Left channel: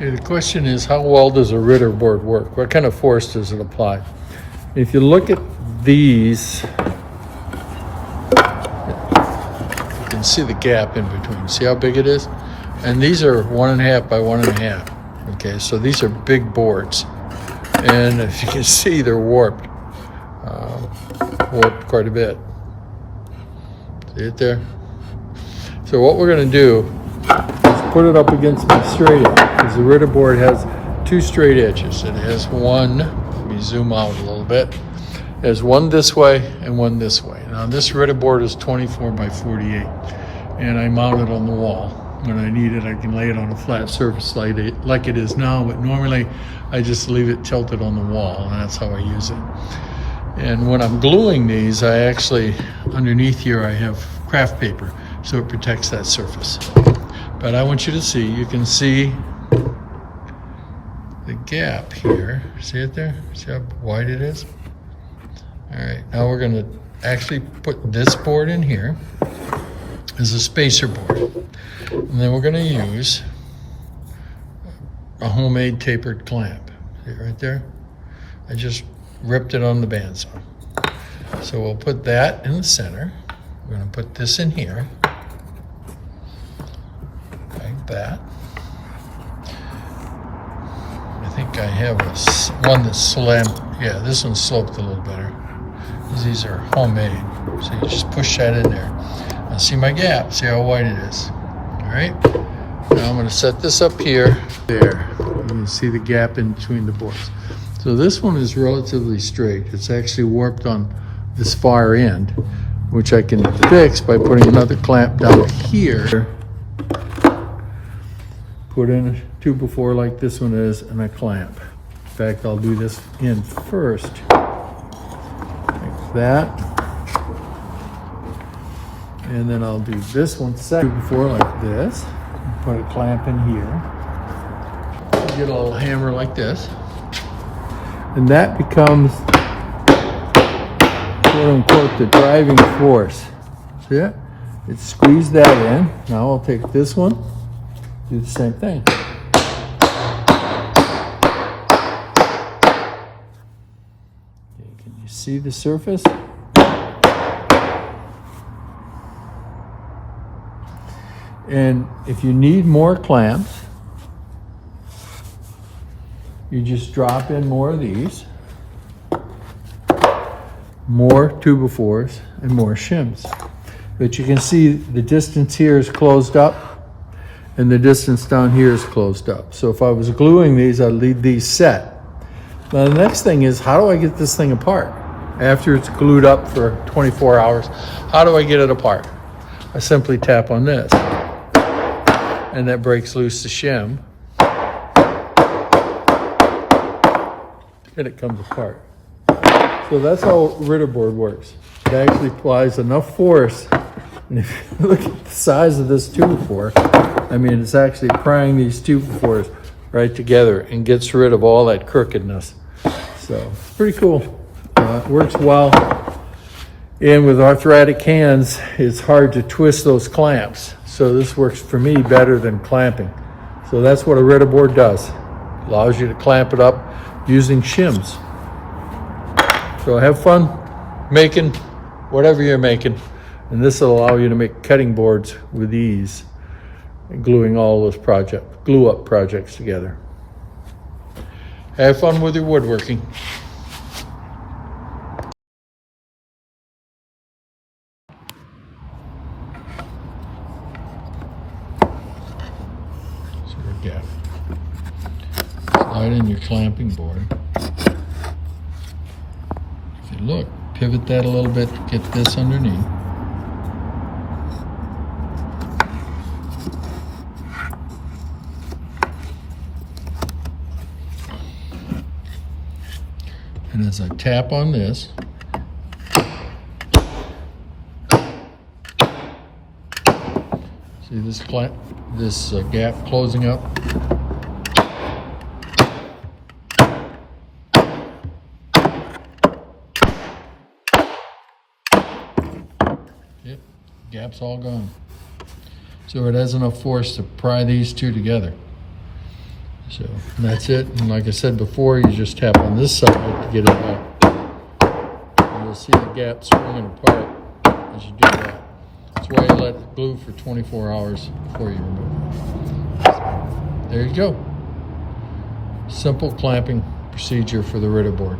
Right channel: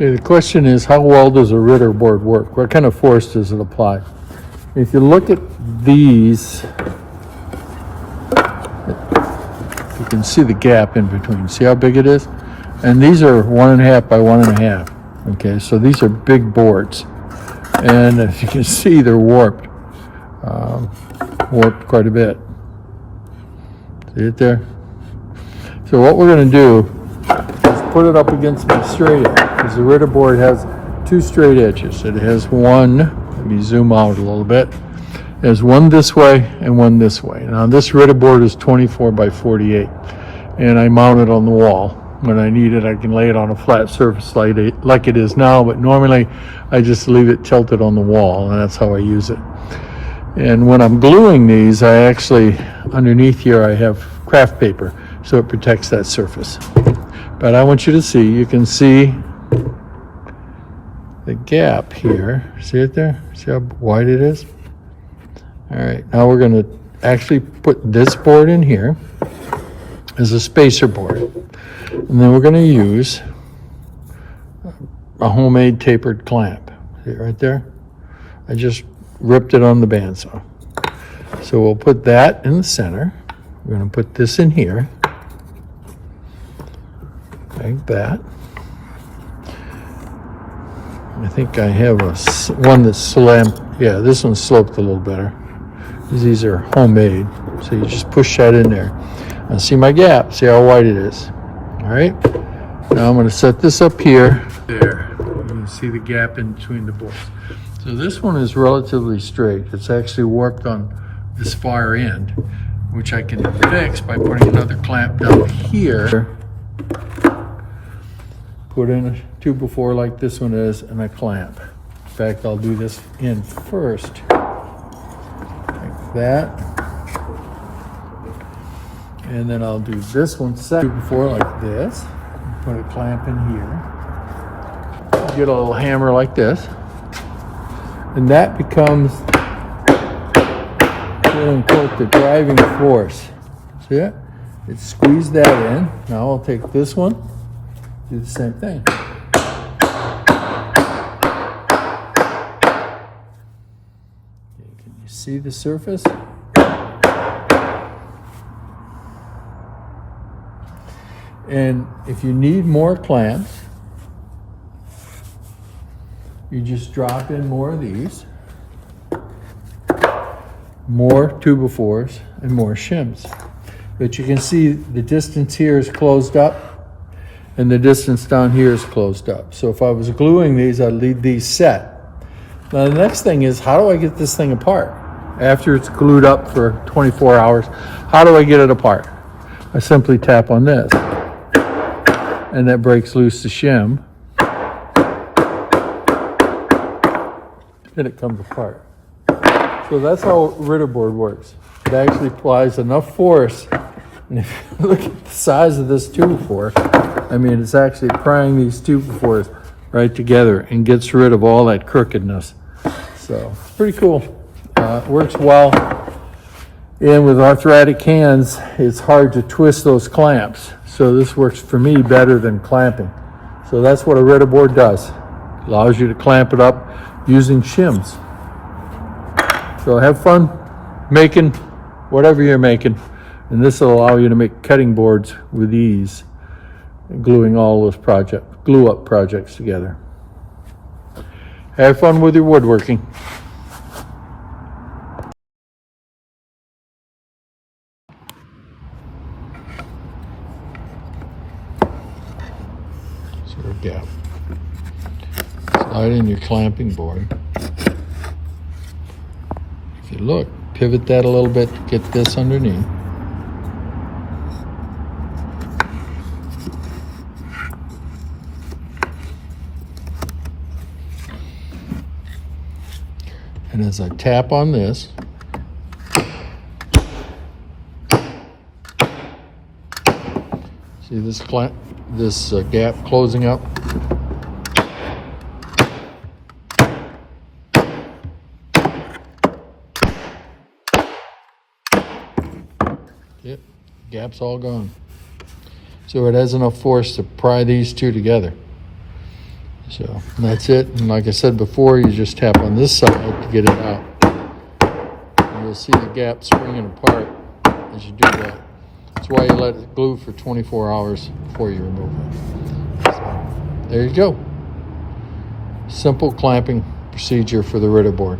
Okay, the question is, how well does a Ritter board work? What kind of force does it apply? If you look at these, you can see the gap in between. See how big it is? And these are 1.5 by 1.5. Okay, so these are big boards. And as you can see, they're warped. Warped quite a bit. See it there? So what we're going to do is put it up against my straight edge, because the Ritter board has 2 straight edges. It has one, let me zoom out a little bit. It has one this way and one this way. Now this Ritter board is 24 by 48, and I mount it on the wall. When I need it, I can lay it on a flat surface like it is now, but normally I just leave it tilted on the wall, and that's how I use it. And when I'm gluing these, I actually, underneath here, I have craft paper, so it protects that surface. But I want you to see, you can see the gap here. See it there? See how wide it is? All right, now we're going to actually put this board in here as a spacer board. And then we're going to use a homemade tapered clamp. See it right there? I just ripped it on the bandsaw. So we'll put that in the center. We're going to put this in here, like that. I think I have one that's slammed. Yeah, this one's sloped a little better. These are homemade. So you just push that in there. And see my gap. See how wide it is. All right. Now I'm going to set this up here. There. You can see the gap in between the boards. So this one is relatively straight. It's actually warped on this far end, which I can fix by putting another clamp down here. Put in a 2x4 like this one is, and a clamp. In fact, I'll do this in first, like that. And then I'll do this one second, 2x4 like this. Put a clamp in here. Get a little hammer like this. And that becomes, quote unquote, the driving force. See it? It's squeezed that in. Now I'll take this one, do the same thing. Okay, can you see the surface? And if you need more clamps, you just drop in more of these, more 2x4s, and more shims. But you can see the distance here is closed up, and the distance down here is closed up. So if I was gluing these, I'd leave these set. Now the next thing is, how do I get this thing apart? After it's glued up for 24 hours, how do I get it apart? I simply tap on this, and that breaks loose the shim. And it comes apart. So that's how Ritter board works. It actually applies enough force, and if you look at the size of this 2x4, I mean, it's actually prying these 2x4s right together and gets rid of all that crookedness. So pretty cool. It works well. And with arthritic hands, it's hard to twist those clamps. So this works for me better than clamping. So that's what a Ritter board does. Allows you to clamp it up using shims. So have fun making whatever you're making, and this will allow you to make cutting boards with ease, and gluing all those glue up projects together. Have fun with your woodworking. So again, slide in your clamping board. If you look, pivot that a little bit to get this underneath. And as I tap on this, see this gap closing up? Yep, gap's all gone. So it has enough force to pry these two together. So that's it. And like I said before, you just tap on this side to get it out. And you'll see the gap springing apart as you do that. That's why you let it glue for 24 hours before you remove it. So, there you go. Simple clamping procedure for the Ritter board.